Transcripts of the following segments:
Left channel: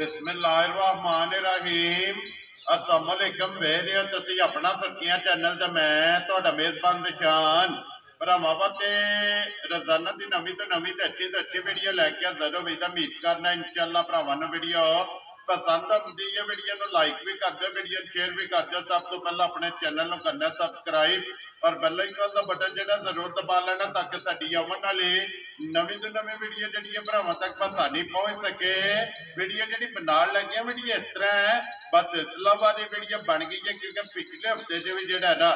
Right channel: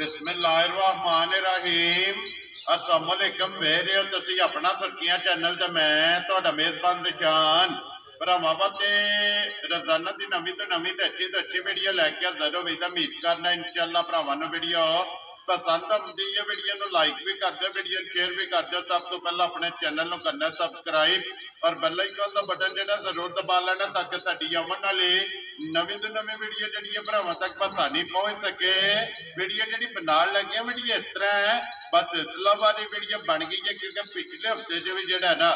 बिस्मिल्लाहिर्रहमानिर्रहीम। अस्सलामुअलैकुम। वेख रहे हो तुसी अपना फरकियां चैनल ते मैं तुहाडा मेजबान निशान भरावां वास्ते रोजाना की नवी तो नवी तो अच्छी वीडियो लैके हाजिर हो। उम्मीद करना इंशाअल्लाह भरावां नूं वीडियो पसंद आती है। वीडियो को लाइक भी कर दो, वीडियो शेयर भी कर दो। सब तो पहले अपने चैनल को करना सब्सक्राइब और बेल आइकन का बटन जो जरूर दबा लेना ताकि साडी आने वाली नवी तो नवी वीडियो जी भरावां तक आसानी पहुंच सके। वीडियो जी बना लगे वीडियो इस तरह है, बस इस्लामाबादी वीडियो बन गई है क्योंकि पिछले हफ्ते च भी जोड़ा ना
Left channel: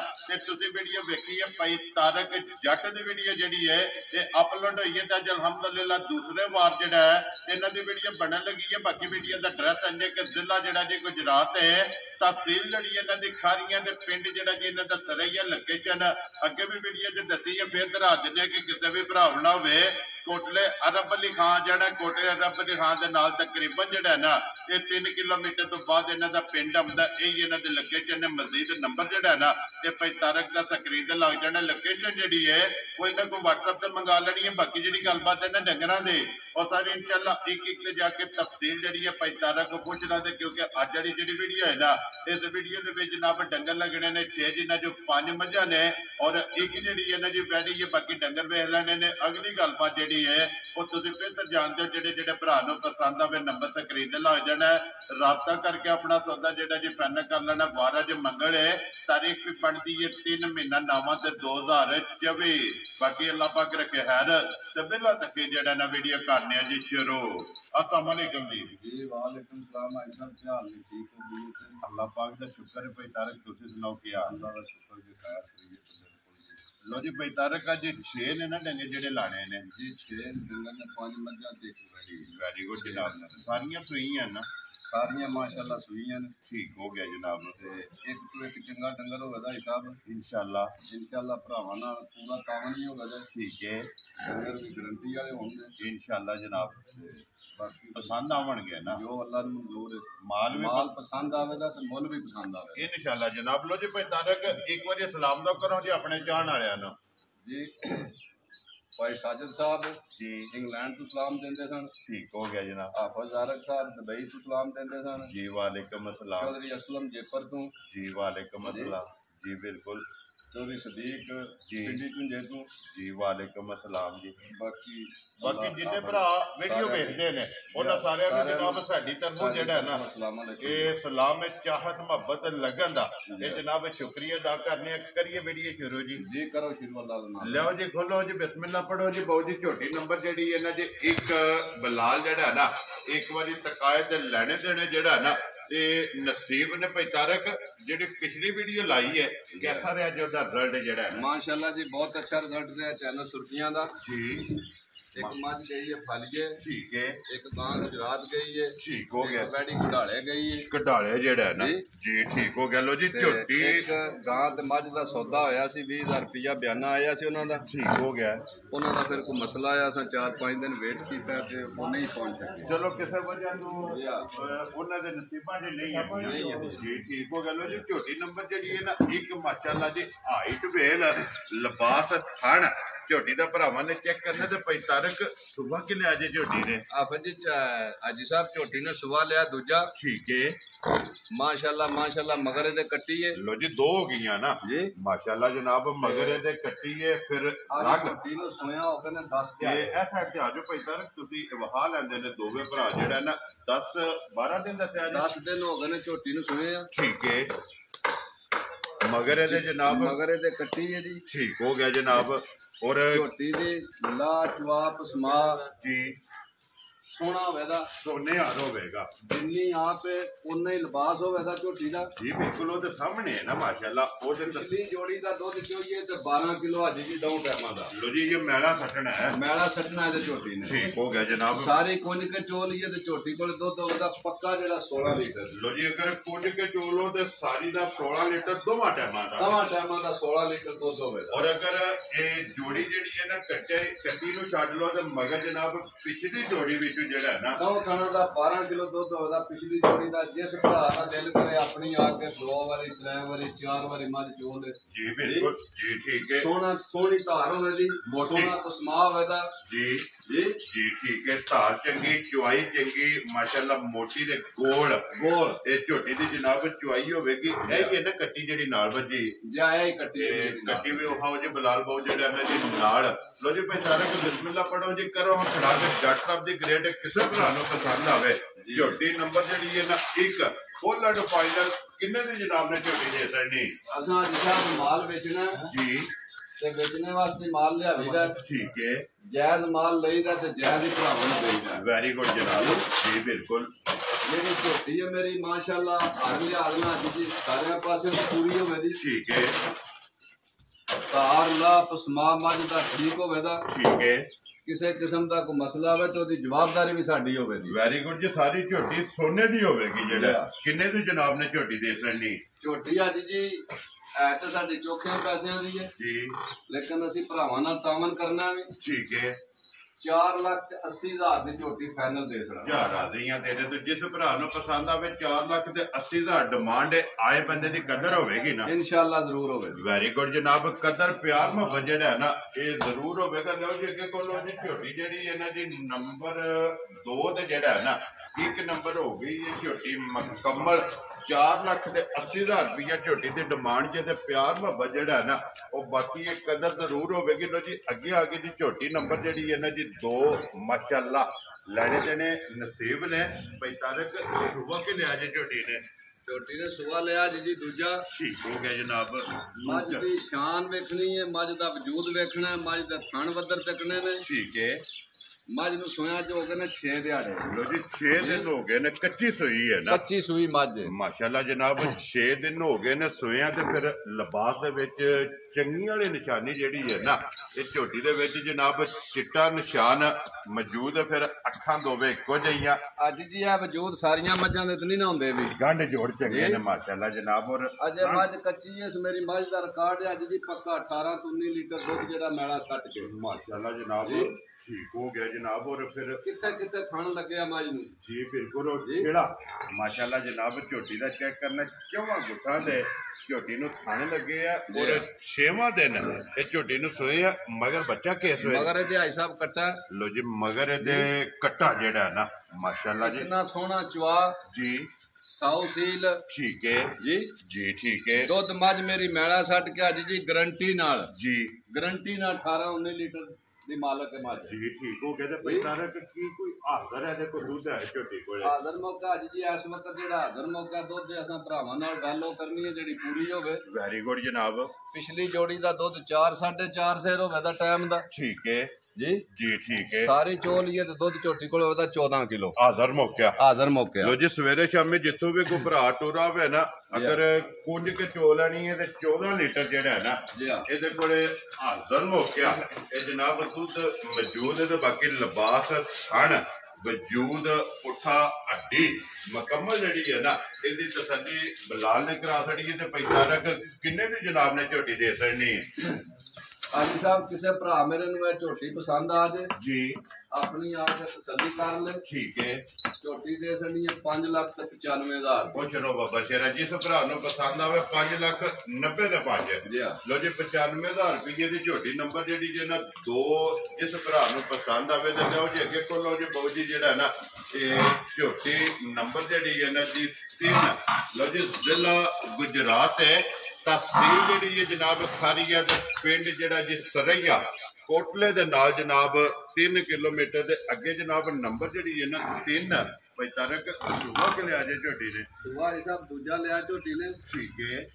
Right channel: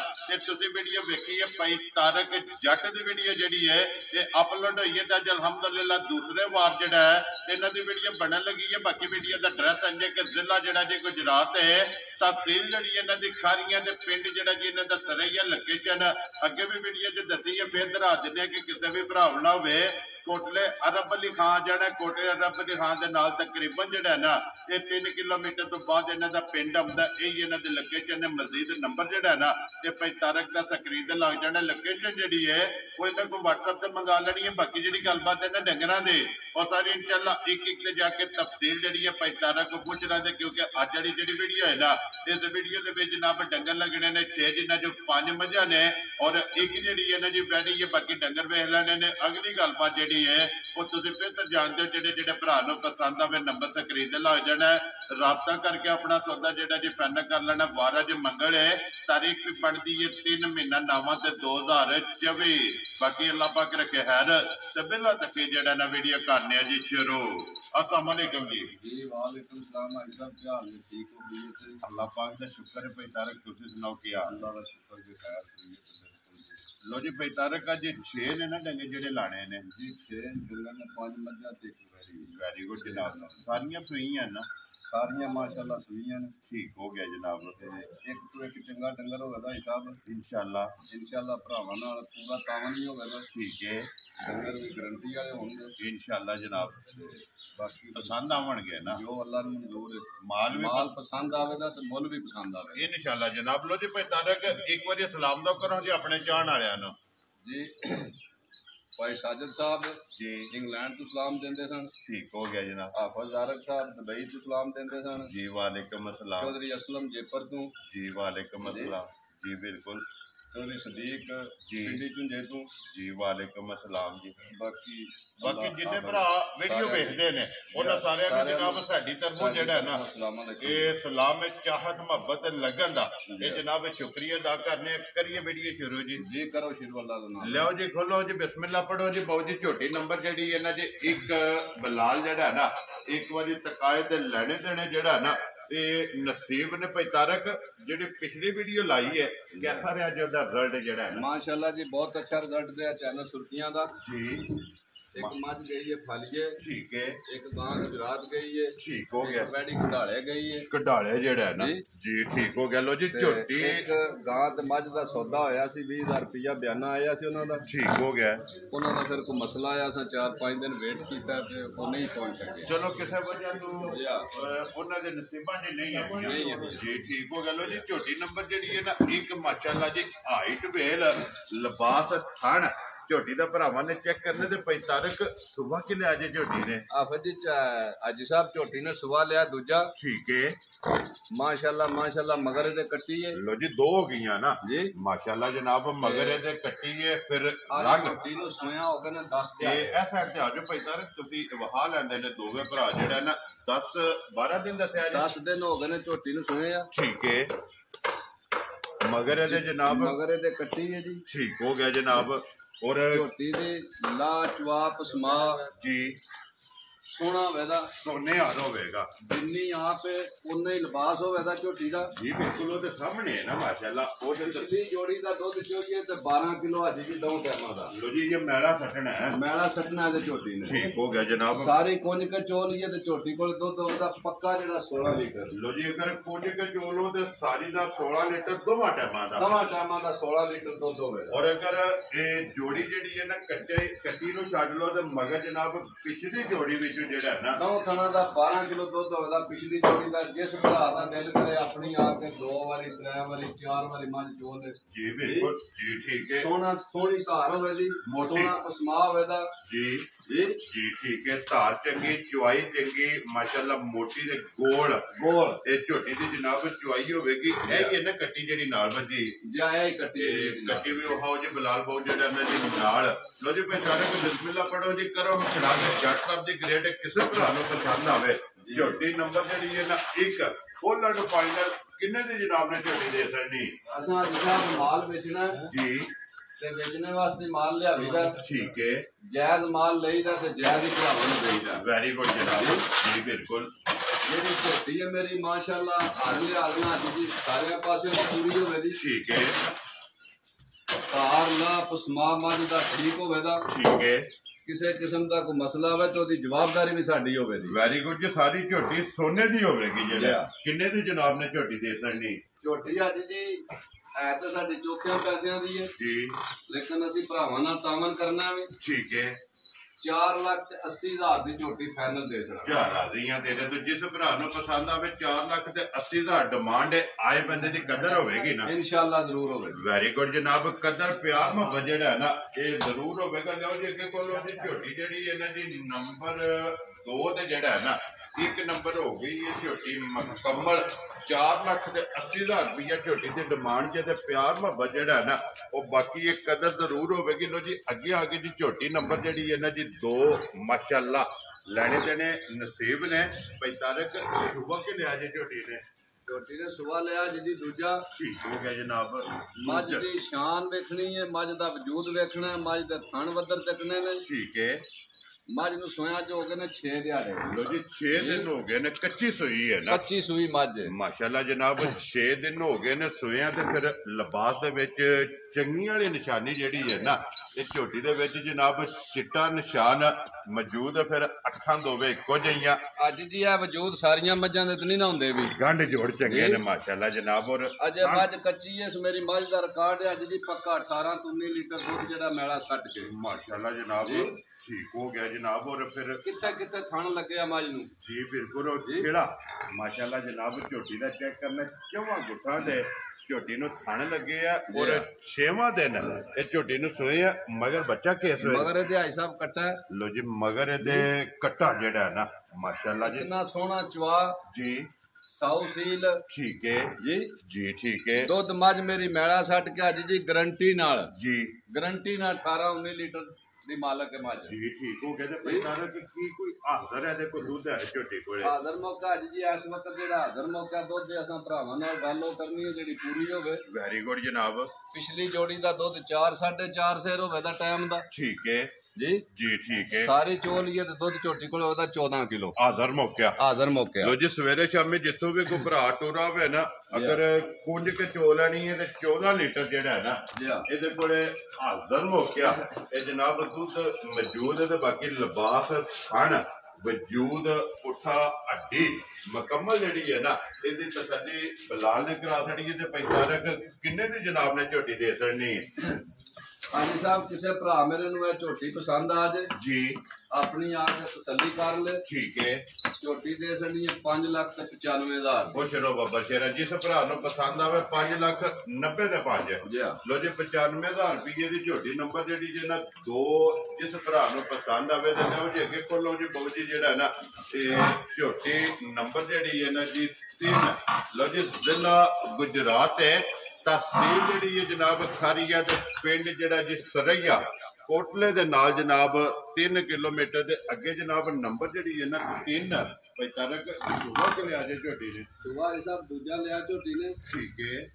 तुम वीडियो वेखी है भाई तारक जट की वीडियो जी है ये अपलोड हुई है। तो अलहमदुलिल्लाह दूसरे वार जोड़ा है इन्हों की वीडियो बनने लगी है। बाकी वीडियो का एड्रैस इंजे कि जिला जोड़ा जी गुजरात है, तहसील जी इन्हों की खारियां पिंड जोड़ा जी इन्हें दस रही है लोकेशन अगे भी वीडियो च दसी है। फिर दोहरा दें कि किसी भी भरा ना हो कोटले अरब अली खान जड़ा कोटले अरब अली खान के नाल तकरीबन जड़ा ना ये 3 किलोमीटर तो बाद इन्हों का पिंड आंदा। यही इन्हों की लोकेशन है। मजीद नंबर जड़ा ना ये भाई तारक का स्क्रीन ते लग जाना। लोकेशन जी है वो इन्होंने को व्हाट्सएप से मंगा लेनी है। बाकी जी गलबात है डंगरां दे और सारी इंशाअल्लाह एक एक जाके तफसील जी है भाई तारक को पूछना दे क्योंकि अज जी वीडियो है ना इस वीडियो के जनाब डंगर लगने ने 6 जिन्हों जो 5 मझा ने और एक जी है ना जी वैडी है। बाकी डंगर वेख लेने ने। अगली गलबात जी है वो तुम बेहतर जानते हो जेडे भरा पसंद आवे नंबर स्क्रीन ते लग जाना है। राबता करके अपना सौदा जेड़ा जी फाइनल कर लेना। 12 जो मंगल है तारीख भी बनती है 3 महीना 9 ते 2024। बाकी अल्लाह पाक रखे खैर ते बिला तक जेड़ा ना वीडियो करने जी शुरू। अस्सलाम वालेकुम जी। जी वालेकुम सलाम। भाई साहब क्या हाल है? ठीक हो गई? अल्लाह पाक का शुक्र है। भाई तारक तुसी सुनाओ क्या? अल्लाह का शुक्र के खैर करिए। लो जी भाई तारक अज 6 ने ना डंगे जेडे लाने ने जी 6 डंगर ने 5 मझा ते वेरी गुड जनाब। सारियां सूई हैं ना? सारियां माशाअल्लाह सूईयां ने। ठीक हो गया जनाब। एक तो एक चंगा डंगर होगा हिसाब इंशाअल्लाह भरावां नाल पूरा तावन ही होगा। ठीक है डंगर भी गारंटी वाले होंगे इंशाअल्लाह जनाब। बाकी पसंद आवणगे ना जो अल्लाह ने मंजूर है। माल पसंद आवेगा तो मुल भी पसंद आवेगा इंशाअल्लाह जनाब। लो जी भाई तारक एक बार सलाम दो करो जी अपने चाहण वालियां नूं जी। भाई साजिद साहब जी इंग्लैंड तो सलाम देंदे सन। ठीक हो गया जनाब। हाफिज आरक साहब दुबई तो सलाम देंदे सन। जी वालेकुम अस्सलाम। चौधरी असलम जेपर तो जी वालेकुम अस्सलाम। जी बिल्कुल। चौधरी सदीक जी पिंडी झुंझे तो जी वालेकुम अस्सलाम जी। बाकी जिन्ने भरा वीडियो देखते ने उन्हां सारियां नूं जनाब साडी तरफों जेड़ा ना ये सलाम चाहत मोहब्बत लगन दा ये जनाब शुक्रिया अदा करने करिए वीडियो शुरू जी। जी करो शुरू अल्लाह दा नाम लो जी खोलो जी बिस्मिल्लाह पढ़ो जी। बहुत जी छोटी नंबर जेड़ी है ना जी एक बलाल जेड़ा ना एक बारी तकाए ते लेने देने जेड़ा ना ते नसीब ने भाई तारक जी पिछली वीडियो लाई है कैसा रहा जो रिजल्ट जेड़ा है? माशाअल्लाह जी बहुत अच्छा रिजल्ट रहा चैनल सुर्खियां दा जी। एक मझ गई है फलिए ठीक है। एक गां गुजरात गई है। ठीक हो गया। वैडी कढ़ाले गई है। कढ़ाले जेड़ा है ना जी ठीक हो गया। लो जी झोटी एक गां ते मझ दा सौदा होया सी 20,000 रुपया बयाना आया सी उन्हां दा। ठीक हो गया। उन्हां दा फिर कोई मसला आया सा 4-5 दिन वेट कीता ते वो नहीं पहुंच सके। चलो किसी वजह तो उन्हां दे नसीबां च नहीं है जी ठीक हो गया। लो जी झोटी नंबर जेड़ी है ना एक माशाअल्लाह जी हाइट वेल लिबास थन झोटी का भरावां ने चेक करने ते भाई तारक सुबह कि लिया जे झोटी ने? हाफिज जी हाजी साहब झोटी ने सुबह लिया दूजा। ठीक है माशाअल्लाह मगर दे कट्टी है। लो जी 2 हो गई ना जी माशाअल्लाह जनाब। मगर दे कट्टी है फिर रंग झोटी नु सोया हो गए 10 ते ए साइड ते आ जाओ भाई तारक तुसी वहा लेंदे ने दोवे भरा जेड़ा ना 10-12 दिन दसया जी 10 दिन हो गए झोटी नु सोया। ठीक है मगर दे जनाब मगर दे कट्टी है जी। ठीक हो गया जनाब। और झोटी दी लाजवाब स्मा जी सोना होगा सोने हार होगा जिन्नी आप उन्ना ही लिबास होगा झोटी का जी बिल्कुल वो तो सामने है ना माशाअल्लाह। पिछली जोड़ी का दुध चोइए तो 12 किलो अज जी 2 टाइम का। लो जी ये मैला सटना है। मैला सटना है झोटी ने। ठीक हो गया जनाब। सारी कुंज के चो लीए तो झोटी को दुध होगा पक्का जो 16 लीटर। लो जी अगर कुंज के चोलो तो सारी का 16 लीटर दोवां टाइमां का 16 लीटर दुध होगा। और अगर ये जोड़ी जी है ना कट्टी नु छड्ड लो तो मगर जनाब पिछली जोड़ी भी ਪਿੱਛੇ ਜਿਹੜਾ ਹੈ ਨਾ ਨੌ ਖਾਣਾ ਦਾ 12 ਕਿਲੋ ਦੁੱਧ ਹੋਦਾ ਪਿਛਲੀ ਜੋੜੀ ਦਾ ਜਿਸ ਭਰਾ ਦਾ ਦਿਲ ਕਰੇ ਆਪਣੀ ਆ ਕੇ 2 ਵਾਰੀ 3 ਵਾਰੀ 4 ਵਾਰੀ ਮੱਝ ਚੋਲ ਦੇ ਜੀ ਬਿਲਕੁਲ ਜੀ ਠੀਕ ਹੈ ਸੋਹਣੀ ਧਾਰ ਹੋਵੇ ਦੀ ਸੋਹਣਾ ਪਸਮਾ ਹੋਵੇ ਦਾ ਜੀ ਜੀ ਜੀ ਠੀਕ ਹੈ ਧਾਰ ਚੰਗੀ ਚੁਆਈ ਚੰਗੀ ਮਾਸ਼ਾਅੱਲਾ ਮੋਟੀ ਦੇ ਗੋਲ ਇਹ ਝੋਟੀ ਦੀ ਜਨਾਬ ਚੁਆਈ ਹੋਵੇਗੀ ਇਹ ਹੀ ਨਾ ਕੱਟੀ ਜਿਹੜੀ ਨਾਲ ਵੱਜੀ ਜਾਂ ਇਹ ਹੀ ਕੱਟੀ ਵੀ ਉਹ ਹੋ ਜੇ ਬਲਾਲ ਬਾਉ ਜਿਹੜਾ ਇਹਨਾਂ ਦੇ ਨਾਲ ਲੋ ਜੀ ਪਹਿਚਾਨੋ ਕਿ ਬਿਸਮਿਲ੍ਲਾ ਪੜੋ ਜੀ ਕਰੋ ਹੁਣ ਖੜਾ ਕੇ ਜੱਟ ਸਾਹਿਬ ਦੀ ਗ੍ਰੇਡ ਕਿਸੇ ਭਰਾ ਨੂੰ ਪਸੰਦ ਆਵੇ ਝੋਟੀ ਨੰਬਰ ਜਿਹੜੀ ਹੈ ਨਾ 1 ਫੁੱਲ ਐਂਡ ਫਾਈਨਲ ਕਿੰਨੇ ਦੀ ਜਨਾਬ ਨੇ ਝੋਟੀ ਦੇ ਸਕਣੀ ਅਸਾਂ ਜਿਹੜਾ ਮਾਲ ਵੇਚਣਾ ਜੀ ਤੇ ਵੇਚਣੇ ਵਾਸਤੇ ਮਾਲ ਲਿਆਵੀਦਾ ਠੀਕ ਹੈ ਜਾਇਜ਼ ਮਾਲ ਲਈਦਾ ਤੇ ਜਾਇਜ਼ ਹੀ ਭਰਾਵਾਂ ਨੂੰ ਦੇਈਦਾ ਵੈਰੀ ਗੁੱਡ ਜਨਾਬ ਜੀ ਬਿਲਕੁਲ ਜਿਹੜੀ ਝੋਟੀ ਹੈ ਮੇਰੀ ਮਾਸ਼ਾਅੱਲਾ ਅਗਲੇ ਆਦਮਾ ਜੀ ਸਾਰਿਆਂ ਪਾਸੇ ਪੂਰੀ ਹੋਵੇ ਦੀ ਠੀਕ ਹੈ ਤਾਰ ਲਾ ਪਸਮਾ ਮੱਝ ਦਾ ਠੀਕ ਹੋਵੇ ਦਾ ਠੀਕ ਹੈ ਕਿਸੇ ਕਿਸਮ ਦਾ ਕੋਈ ਮਸਲਾ ਹੋਵੇ ਤਾਂ ਉਹਦੀ ਜਵਾਬਦਾਰੀ ਵੀ ਸਾਡੀ ਹੋਵੇ ਦੀ ਵੈਰੀ ਗੁੱਡ ਜੀ ਸਾਰੀ ਝੋਟੀ ਸੋਨੇ ਦੀ ਹੋਵੇਗੀ ਜਿਹੜਾ ਕਿੰਨੇ ਦੀ ਜਨਾਬ ਨੇ ਝੋਟੀ ਦੇ ਸਕਣੀ ਝੋਟੀ ਅੱਜ ਜੀ ਹੈ ਤਾਂ ਸਾਡੇ ਚੋਖਿਆਂ ਪੈਸਿਆਂ ਦੀ ਹੈ ਜੀ ਲੇਕਿਨ ਅਸੀਂ ਭਰਾਵਾਂ ਨਾਲ ਤਾਮਨ ਕਰਨਾ ਵੀ ਠੀਕ ਹੈ 4,80,000 ਦੀ ਝੋਟੀ ਫਾਈਨਲ ਦੇ ਸਕਦਾ ਯਾਰ ਰਾਜ਼ੀਆਂ ਤੇਰੇ ਤੋਂ ਜਿਸ ਭਰਾ ਨੂੰ ਪਸੰਦ ਆਵੇ 4,80,000 ਡਿਮਾਂਡ ਹੈ ਆਏ ਬੰਦੇ ਦੀ ਕਦਰ ਹੋਵੇਗੀ ਨਾ ਇਨਸ਼ਾਅੱਲਾ ਜ਼ਰੂਰ ਹੋਵੇਗੀ ਵੈਰੀ ਗੁੱਡ ਜਨਾਬ ਕਦਰ ਪਿਆਰ ਮੁਹੱਬਤ ਜਿਹੜਾ ਹੈ ਨਾ ਇਹ ਜ਼ਰੂਰ ਹੋਵੇਗਾ ਲਓ ਜੀ ਅੱਗੇ ਕੋਲੋਂ ਜੀ ਝੋਟੀ ਜਿਹੜੀ ਇਹਨਾਂ ਦੀ ਨੰਬਰ 2 ਤੇ ਜਿਹੜਾ ਹੈ ਨਾ 1 ਨੰਬਰ ਹੋ ਗਈ ਇਹ ਝੋਟੀ ਮੁਕੰਮਲ 4,80,000 ਰੁਪਇਆ ਝੋਟੀ ਦੀ ਡਿਮਾਂਡ ਜੇ ਤੇ ਪਿਆਰ ਮੁਹੱਬਤ ਜਿਹੜਾ ਹੈ ਨਾ ਉਹ ਬਾਕੀ ਇਹ ਕਦਰ ਜ਼ਰੂਰ ਹੋਵੇਗੀ ਲੋ ਜੀ ਅੱਗੇ ਆ ਗਈ ਜੀ ਝੋਟੀ ਨੰਬਰ ਜਿਹੜੀ ਹੈ ਨਾ ਜੀ 2 ਮਾਸ਼ਾਅੱਲਾ ਲੈਣੇ ਦੇਣੇ ਨਸੀਬ ਨੇ 45 ਸੁਬਾ ਕੇ ਲਿਆ ਜੇ ਝੋਟੀ ਨੇ ਸੁਬਾ ਲਿਆ ਜੀ ਦੂਜਾ ਠੀਕ ਹੋ ਗਿਆ ਜਨਾਬ ਮੱਝ ਦੀ ਸ਼ਾਨ ਵੇਖਣੀ ਹੈ ਮੱਝ ਦਾ ਵਜੂਦ ਵੇਖਣਾ ਹੈ ਮੱਝ ਦੇ ਥਣ ਵੱਦਰ ਚੱਕਣੇ ਨੇ ਠੀਕ ਹੈ ਮੱਝ ਨੂੰ ਸੋਇਆ ਚ ਹੋ ਗਏ ਨੇ 6 ਦਿਹਾੜੇ ਲੋ ਜੀ 6 ਦਿਨ ਹੋ ਗਏ ਨੇ ਕੱਚੀ ਸੂਈ ਹੈ ਨਾ ਕੱਚੀ ਸੂਈ ਮੱਝ ਮਾਸ਼ਾਅੱਲਾ ਜਨਾਬ 6 ਦਿਨ ਹੋ ਗਏ ਨੇ ਸੋਇਆ ਤੇ ਫਿਰ ਲਿਬਾਸ ਦੇ ਵਿੱਚ ਚੰਗੀ ਵਾਲੀ ਨਿਸ਼ਾਨੀ ਜਿਹੜੀ ਹੈ ਨਾ ਇਹ ਝੋਟੀ ਦੇ ਵਿੱਚ ਜਨਾਬ ਚਿੱਟਾ ਨਿਸ਼ਾਨ ਮੌਜੂਦ ਹੈ ਫਿਰ ਅੱਖਾਂ ਦੋਵੇਂ ਇੱਕੋ ਜਿਹੀਆਂ ਅੱਜ ਜੀ ਇਹ ਵਜੂਦ ਸਾਰੀਆਂ ਮੱਝਾਂ ਦੇ ਤੇ ਨਹੀਂ ਨਾ ਹੁੰਦੇ ਵੀ ਗੰਢ ਜੋੜ ਚੰਗੇ ਨੇ ਮਾਸ਼ਾਅੱਲਾ ਜਨਾਬ ਔਰ ਅਜੇ ਮੱਝ ਕੱਚੀ ਹੈ ਮੇਰੀ ਮੱਝ ਦਾ ਰਿਕਾਰਡ ਹੈ ਅੱਜ ਜੀ ਪੱਕਾ 18 ਤੋਂ 19 ਲੀਟਰ ਦੁੱਧ ਜਿਹੜਾ ਮੈਲਾ ਕੱਟ ਕੇ ਮਾਸ਼ਾਅੱਲਾ ਜਨਾਬ ਠੀਕ ਹੋ ਗਿਆ ਜਨਾਬ ਔਰ ਫਿਰ ਕਿੱਥੇ ਥਣ ਲੱਗਿਆ ਮੱਝ ਨੂੰ ਜੀ ਬਿਲਕੁਲ ਕਿਹੜਾ ਮਾਸ਼ਾਅੱਲਾ ਜਨਾਬ ਝੋਟੀ ਦਾ ਚੈੱਕ ਕਰਨਾ ਚੌਵਾਂ ਗੁੱਠਾਂ ਦੇ ਝੋਟੀ ਨੂੰ ਥਣ ਲੱਗੇ ਆ ਔਰ 6ਵਾਂ ਦਿਨ ਇਹ ਝੋਟੀ ਨੂੰ ਸੋਏ ਆ ਮਗਰ ਬੱਚਾ ਕੇਸ ਹੋਇਆ ਮਗਰ ਇਹਦੇ ਹਾਈ ਸਾਹਿਬ ਕੱਟਾ ਲੋ ਜੀ ਮਗਰ ਇਹਦੇ ਕੱਟਾ ਜਿਹੜਾ ਨਾ ਮਾਸ਼ਾਅੱਲਾ ਜੀ ਕਿੰਨਾ ਸੋਹਣਾ ਚਵਾ ਜੀ 100 ਸੀਲ ਠੀਕ ਹੈ ਜੀ ਠੀਕ ਹੈ ਦੁੱਧ ਮੱਝ ਮੇਰੀ ਮੈਲਾ ਛੱਡ ਕੇ ਅੱਜ ਜੀ ਗਰੰਟੀ ਨਾਲ ਜੀ ਗਰੰਟੀ ਨਾਲ 18-19 ਲੀਟਰ ਦੀ ਮਾਲਕ ਹੈ ਮੱਝ ਜੀ ਠੀਕ ਹੋ ਗਿਆ ਤੇ ਪਹਿਲਾਂ ਕੀ ਕੋਈ ਹਾਜ਼ਰ ਹੈ ਤੇ ਕੋਈ ਦੁੱਧ ਹੈ ਝੋਟੀ ਕੋਲੇ ਹਾਜ਼ਰ ਮੌਕਾ ਅੱਜ ਜੀ ਇਸ ਵਕਤ ਜਿਹੜਾ ਹਾਜ਼ਰ ਮੌਕਾ ਦੁੱਧ ਦੇ ਅਸਾਂ ਭਰਾਵਾਂ ਨਾਲ ਗੱਲ ਉਹ ਕਰਨੀ ਹੈ ਜਿਹੜੀ ਪੂਰੀ ਹੋਵੇ ਵੈਰੀ ਗੁੱਡ ਜਨਾਬ ਪਿਛਲੀ ਜੋੜੀ ਦਾ ਦੁੱਧ 4-4.5 ਸੇਰ ਹੋਵੇ ਦਾ ਟਾਈਮ ਦਾ ਠੀਕ ਹੈ ਜੀ ਠੀਕ ਹੈ ਸਾਰੀ ਚੋਲ ਹੀ ਤੇ ਦੁੱਧ ਝੋਟੀ ਕੋਲ ਉਹਦਾ 14 ਕਿਲੋ ਹਾਜ਼ਰ ਮੌਕਾ ਲੋ ਜੀ ਸਵੇਰੇ ਸ਼ਾਮੇ ਜਿੱਥੋਂ ਵੀ ਕੋਈ ਭਰਾ ਟੋਰਾ ਹੋਵੇ ਨਾ ਅਗਰ ਕੁੰਜ ਕੇ ਚੋ ਲੈਣੀ ਹੈ ਤੇ 14 ਲੀਟਰ ਜਿਹੜਾ ਹੈ ਨਾ ਇਹਦੇ ਕੋਲੇ ਹਾਜ਼ਰ ਮੌਕਿਆ ਇਹ ਜਨਾਬ ਦੁੱਧ ਮੌਜੂਦ ਹੈ ਤੇ ਬਾਕੀ ਲਿਬਾਸ ਥਣ ਵਜੂਦ ਪੁੱਠਾ ਹੱਡੀ ਮੁਕੰਮਲ ਜਿਹੜੀ ਹੈ ਨਾ ਇਹਦੀ ਤਸੱਲੀ ਬਲਾਲ ਨੇ ਕਰਾ ਛੜੀ ਹੈ ਤੇ 45 ਕਿੰਨੇ ਦੀ ਜਨਾਬ ਨੇ ਝੋਟੀ ਦੇ ਛੜਨੀ ਹੈ ਹਾਂਜੀ ਸਾਹਿਬ ਕਿਸੇ ਭਰਾ ਮੇਰੇ ਨੂੰ ਇਹ ਝੋਟੀ ਪਸੰਦ ਆ ਜੇ ਜੀ ਆਪਣੀ ਆ ਕੇ ਤਸੱਲੀ ਕਰ ਲੈ ਠੀਕ ਹੈ ਝੋਟੀ ਦੇ ਛੜੀ 5,95,000 ਉਹ ਚਲੋ ਬਾਬਾ ਸ਼ੇਰਾ ਜਿਸ ਭਰਾ ਨੂੰ ਪਸੰਦ ਆਵੇ 5,90,000 ਦੇ ਪੰਜ ਲੋ ਜੀ 95,000 ਰੁਪਏ ਦੀ ਝੋਟੀ ਨੰਬਰ ਜਿਹੜੀ ਜੇ ਨਾ 2 ਜਿਸ ਭਰਾ ਨੂੰ ਪਸੰਦ ਆਵੇ ਤੇ ਲਓ ਜੀ ਅੱਗੇ ਕੋਲੋਂ ਜੀ ਬਾਊ ਜੀ ਜਿਹੜਾ ਨਾ ਇਹ ਝੋਟੀ ਨੰਬਰ ਜਿਹੜੀ ਹੈ ਨਾ ਜੀ 3 ਲੋ ਜੀ ਜ਼ਿਲ੍ਹਾ ਗੁਜਰਾਤ ਹੈ ਤਹਿਸੀਲ ਜਿਹੜੀ ਹੈ ਜਨਾਬ ਖਾਰੀਆ ਤੇ ਪਿੰਡ ਜਿਹੜਾ ਜੀ ਸਰਈਆ ਕੋਟਲੇ ਦੇ ਨਾਲ ਜਨਾਬ 3 ਕਿਲੋਮੀਟਰ ਦੇ ਅੱਗੇ ਜਨਾਬ ਨੰਬਰ ਜਿਹੜੀ ਹੈ ਨਾ 3 45 ਸੁਬਾ ਕੇ ਲਿਆ ਜੇ ਝੋਟੀ ਨੇ ਸੁਬਾ ਸਾਹਿਬ ਦੂਜਾ ਲਿਆ ਝੋਟੀ ਨੇ ਠੀਕ ਹੈ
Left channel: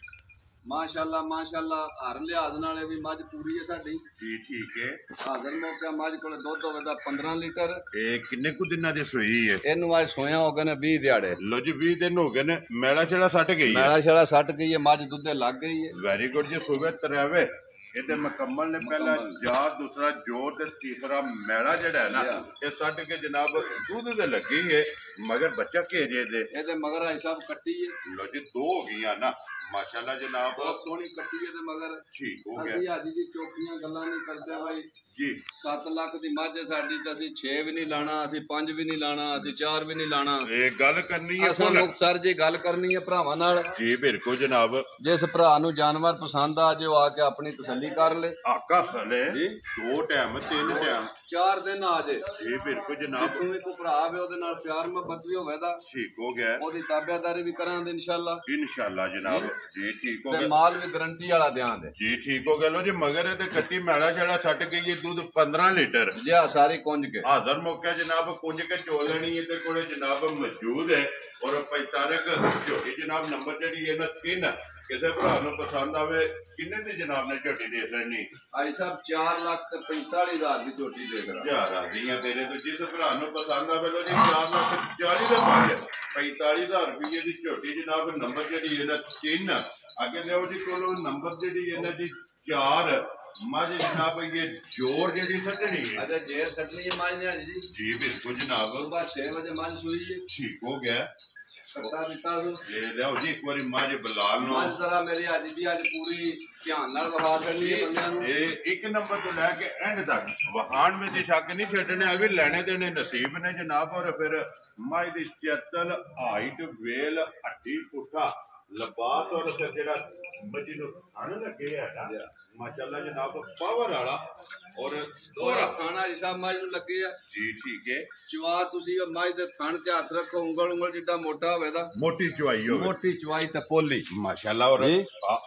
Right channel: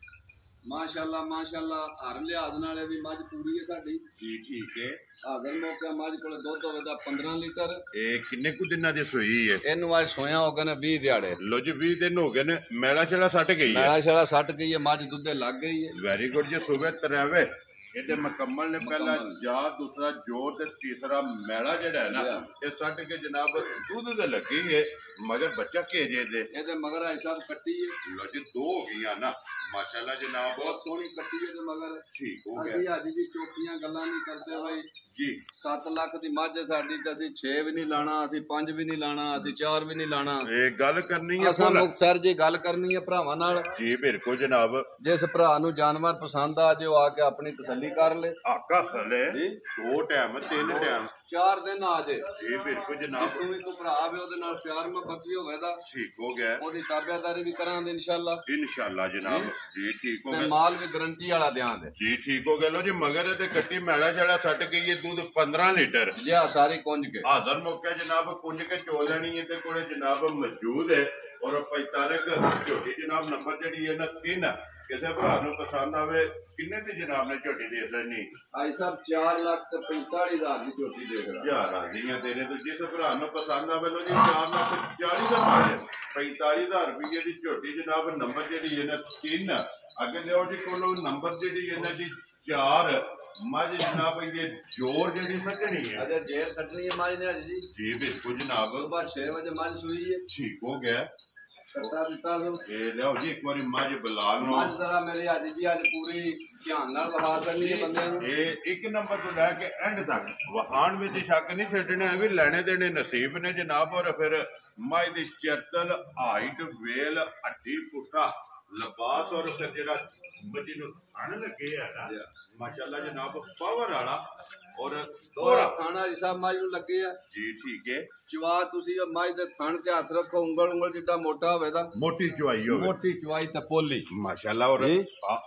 ਮਾਸ਼ਾਅੱਲਾ ਹਰ ਲਿਹਾਜ਼ ਨਾਲੇ ਵੀ ਮੱਝ ਪੂਰੀ ਹੈ ਸਾਡੀ ਜੀ ਠੀਕ ਹੈ ਹਾਜ਼ਰ ਮੌਕਾ ਮੱਝ ਕੋਲ ਦੁੱਧ ਹੋਵੇ ਦਾ 15 ਲੀਟਰ ਇਹ ਕਿੰਨੇ ਕੁ ਦਿਨਾਂ ਦੀ ਸੂਈ ਹੈ ਇਹਨੂੰ ਅੱਜ ਸੋਇਆ ਹੋ ਗਏ ਨੇ 20 ਦਿਹਾੜੇ ਲੋ ਜੀ 20 ਦਿਨ ਹੋ ਗਏ ਨੇ ਮੈਲਾ ਛੇੜਾ ਸੱਟ ਗਈ ਹੈ ਮੈਲਾ ਛੇੜਾ ਸੱਟ ਗਈ ਹੈ ਮੱਝ ਦੁੱਧੇ ਲੱਗ ਗਈ ਹੈ ਵੈਰੀ ਗੁੱਡ ਜੀ ਸੂਬੇ ਤਰਾਵੇ ਇਹਦੇ ਮੁਕੰਮਲ ਨੇ ਪਹਿਲਾ ਜਾਤ ਦੂਸਰਾ ਜੋਰ ਤੇ ਤੀਸਰਾ ਮੈਲਾ ਜਿਹੜਾ ਹੈ ਨਾ ਇਹ ਛੱਡ ਕੇ ਜਨਾਬ ਦੁੱਧ ਦੇ ਲੱਗੀ ਹੈ मगर बच्चा केजे दे ਇਹਦੇ ਮਗਰ ਆਈ ਸਾਹਿਬ ਕੱਟੀ ਹੈ लो जी दो हो गई ना माशाल्लाह जनाब ਬਹੁਤ ਸੋਹਣੀ ਕੱਟੀ ਹੈ ਤੇ ਮਗਰ ठीक हो ਅਸੀਂ गया ਅੱਜ ਦੀ ਚੋਖੀਆਂ ਗੱਲਾਂ ਨਹੀਂ ਕਰਦੇ ਬਾਈ जी 7 ਲੱਖ ਦੀ ਮੱਝ ਹੈ ਸਾਡੀ ਤੇ ਅਸੀਂ 6 ਵੀ ਨਹੀਂ ਲਾਣਾ ਅਸੀਂ 5 ਵੀ ਨਹੀਂ ਲਾਣਾ ਅਸੀਂ 4 ਵੀ ਨਹੀਂ ਲਾਣਾ एक गल करनी है ਅਸਾਂ ਮੁਕਤਸਰ ਜੀ ਗੱਲ ਕਰਨੀ ਹੈ ਭਰਾਵਾਂ ਨਾਲ जी बिल्कुल जनाब ਜਿਸ ਭਰਾ ਨੂੰ ਜਾਨਵਰ ਪਸੰਦ ਆ ਜੇ ਉਹ ਆ ਕੇ ਆਪਣੀ ਤਸੱਲੀ ਕਰ ਲੇ आका सले जी। 2 टाइम 3 टाइम 4 ਦਿਨ ਆ ਜੇ जी बिल्कुल जनाब ਜਿੱਥੋਂ ਵੀ ਕੋਈ ਭਰਾ ਆਵੇ ਉਹਦੇ ਨਾਲ ਪਿਆਰ ਮੁਹੱਬਤ ਵੀ ਹੋਵੇਗਾ ठीक हो गया ਉਹਦੀ ਤਾਬਿਆਦਾਰੀ ਵੀ ਕਰਾਂਗੇ ਇਨਸ਼ਾਅੱਲਾ इंशाल्लाह जनाब जी ठीक हो ਤੇ गया ਮਾਲ ਵੀ ਗਰੰਟੀ ਵਾਲਾ ਦਿਆਂਗੇ जी ठीक हो गया लो जी मगर ये कट्टी मैला छड़ा सट गई है दूध 15 लीटर ਜੀ ਆ ਸਾਰੀ ਕੁੰਜ ਕੇ हाजर मौका जनाब कुंज के चो लेनी है ते कोले जनाब मौजूद है और 45 झोटी जनाब नंबर जड़ी है ना 3 किसी भरा नु पसंद आवे किन्ने दी जनाब ने झोटी दे लेनी ਆਈ ਸਾਹਿਬ 4 ਲੱਖ ਤੇ 45,000 ਦੀ ਝੋਟੀ ਦੇਖ ਰਹਾ हजार आदि है तेरे तो जिस भरा नु पसंद आवे लो जी 4 लाख 40 दा माल 45,000 रुपये दी झोटी जनाब नंबर जड़ी है ना 3 अगे लियो जी कोलो नंबर जड़ी है ना जी 4 मज जनाब ये जोर जड़ी सटनी है अच्छा जेर सटनी है माज ने आज जी जी बिल्कुल जनाब सुबह 6 बजे माज सुई है ठीक हो गया कट्टा दिता तो ये लियाओ जी एक बारी मज बलाल नो माज जरा मेरे आज भी आज पूरी ध्यान नाल वहा करनी है बंदे नु ये एक नंबर तो लैके एंड तक वहान में जी शक नहीं छड्डने है भी लेने देने नसीब ने जनाब और फिर मज दी चरतल हाइट वेल हड्डी पुट्ठा लिबास और फिर जेड़ा मजी नु खाने लगे है ना माशाल्लाह जनाब पावर वाला और दोहरा खाना हिसाब माज नु लगे है जी ठीक है ਚਵਾ ਤੁਸੀਂ ਮਾਜ ਦੇ ਥਣ ਤੇ ਹੱਥ ਰੱਖੋ ਉਂਗਲ ਜਿੱਡਾ ਮੋਟਾ ਹੋਵੇ ਦਾ मोटी चुवाई हो ਮੋਟੀ ਚਵਾਈ ਤੇ ਪੋਲੀ माशाल्लाह और जी।